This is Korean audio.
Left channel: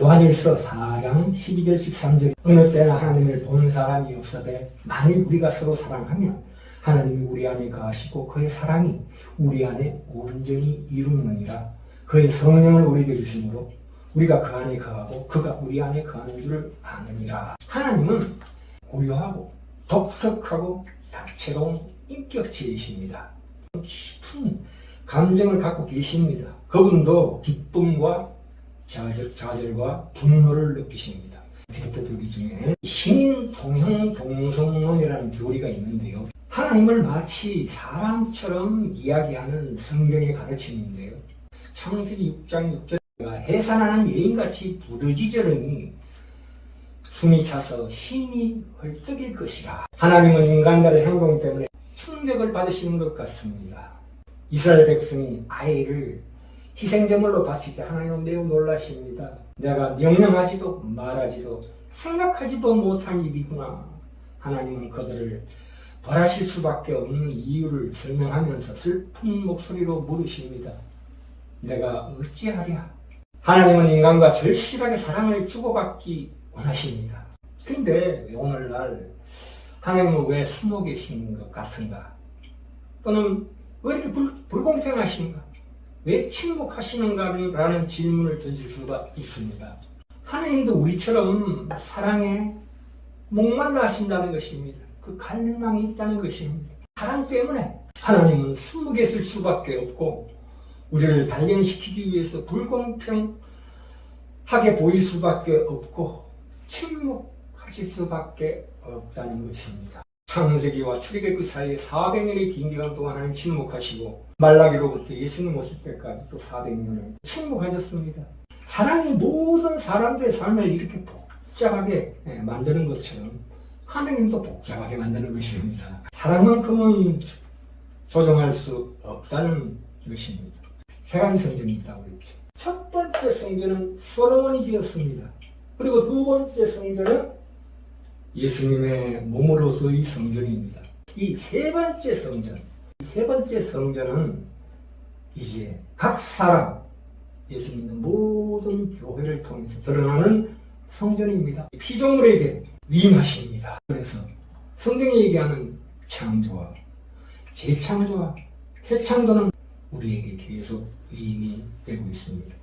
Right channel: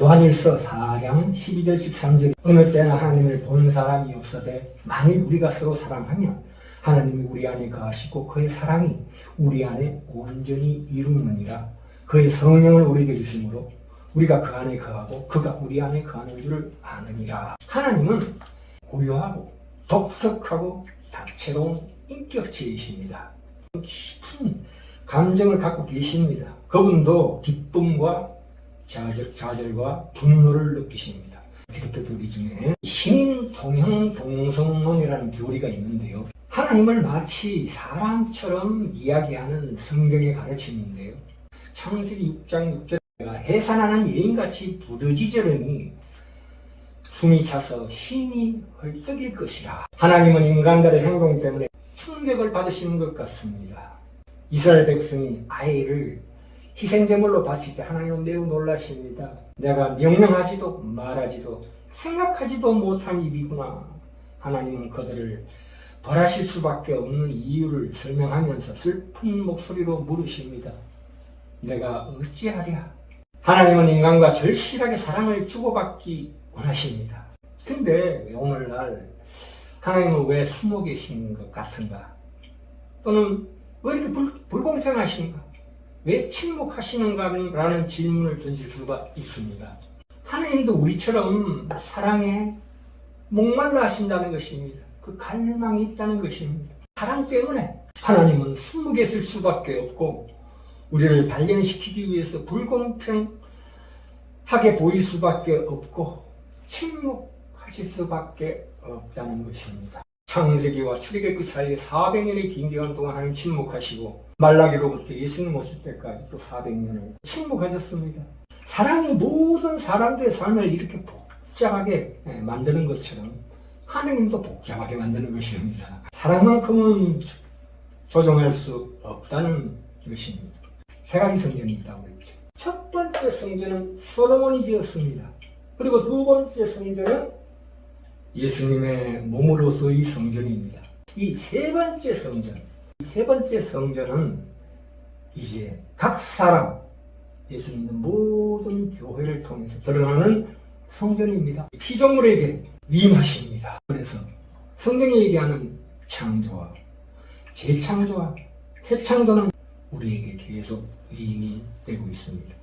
요한일서 4장 12절 13절 어느 때나 하나님을 본 사람이 없어되 만일 우리가 서로 사랑하면 하나님이 우리 안에 거하시고 그의 사랑이 우리 안에 온전히 이루느니라. 그의 성령을 우리에게 주심으로 우리가 그 안에 거하고 그가 우리 안에 거하는 줄을 아느니라. 하나님은 고요하고 독특하고 다채로운 인격체이십니다. 깊은 감정을 갖고 계십니다. 그분도 기쁨과 좌절, 좌절과 분노를 느끼십니다. 기독교 교리 중에 신인 동형 동성론이라는 교리가 있는데요. 하나님을 마치 사람처럼 이야기하는 성경의 가르침인데요. 창세기 6장 6절가 해산하는 여인같이 부르짖으려니 숨이 차서 힘이 헐떡일 것이라. 하나님은 인간들의 행동 때문에 충격을 받으시는 것 같습니다. 이스라엘 백성이 아이를 희생제물로 바치자 하나님은 매우 놀라십니다. 내가 명령하지도 말하지도 생각하지도 못한 일이구나. 하나님은 그들을 벌하실 수밖에 없는 이유를 설명하면서 슬픈 목소리로 물으십니다. 내가 어찌하랴? 하나님은 인간과 절실하게 사랑을 주고받기 원하십니다. 근데 오늘날 하나님은 왜 숨어 계신 것 같은가? 또는 왜 이렇게 불, 불공평하신가? 왜 침묵하시는가라는 질문을 던질 수가 있습니다. 하나님도 우리처럼 사랑에 목말라 하신다는 것입니다. 그 갈망이 있다는 것입니다. 사랑 때문에 하나님은 숨어 계실 수밖에 없고 우리를 단련시키기 위해서 불공평하게 보일 수밖에 없고 침묵하실 수밖에 없다는 것입니다. 창세기와 출애굽 그 사이에 400년의 긴 기간 동안 하나님 침묵하시고 말라기로부터 예수님 오실 때까지 또 400년을 침묵하셨습니다. 사랑이 모든 사람들의 삶을 이렇게 복잡하게 예, 만드는 것처럼 하나님도 복잡하게 만드는 것입니다. 사랑만큼은 조정할 수 없다는 것입니다. 세 가지 성전이 있다고 그랬죠. 첫 번째 성전은 솔로몬이 지었습니다. 그리고 두 번째 성전은 예수님의 몸으로서의 성전입니다. 이 세 번째 성전, 이세 번째 성전은 이제 각 사람, 예수 믿는 모든 교회를 통해서 드러나는 성전입니다. 피조물에게 위임하십니다. 그래서 성경이 얘기하는 창조와 재창조와 재창조는 우리에게 계속 위임이 되고 있습니다.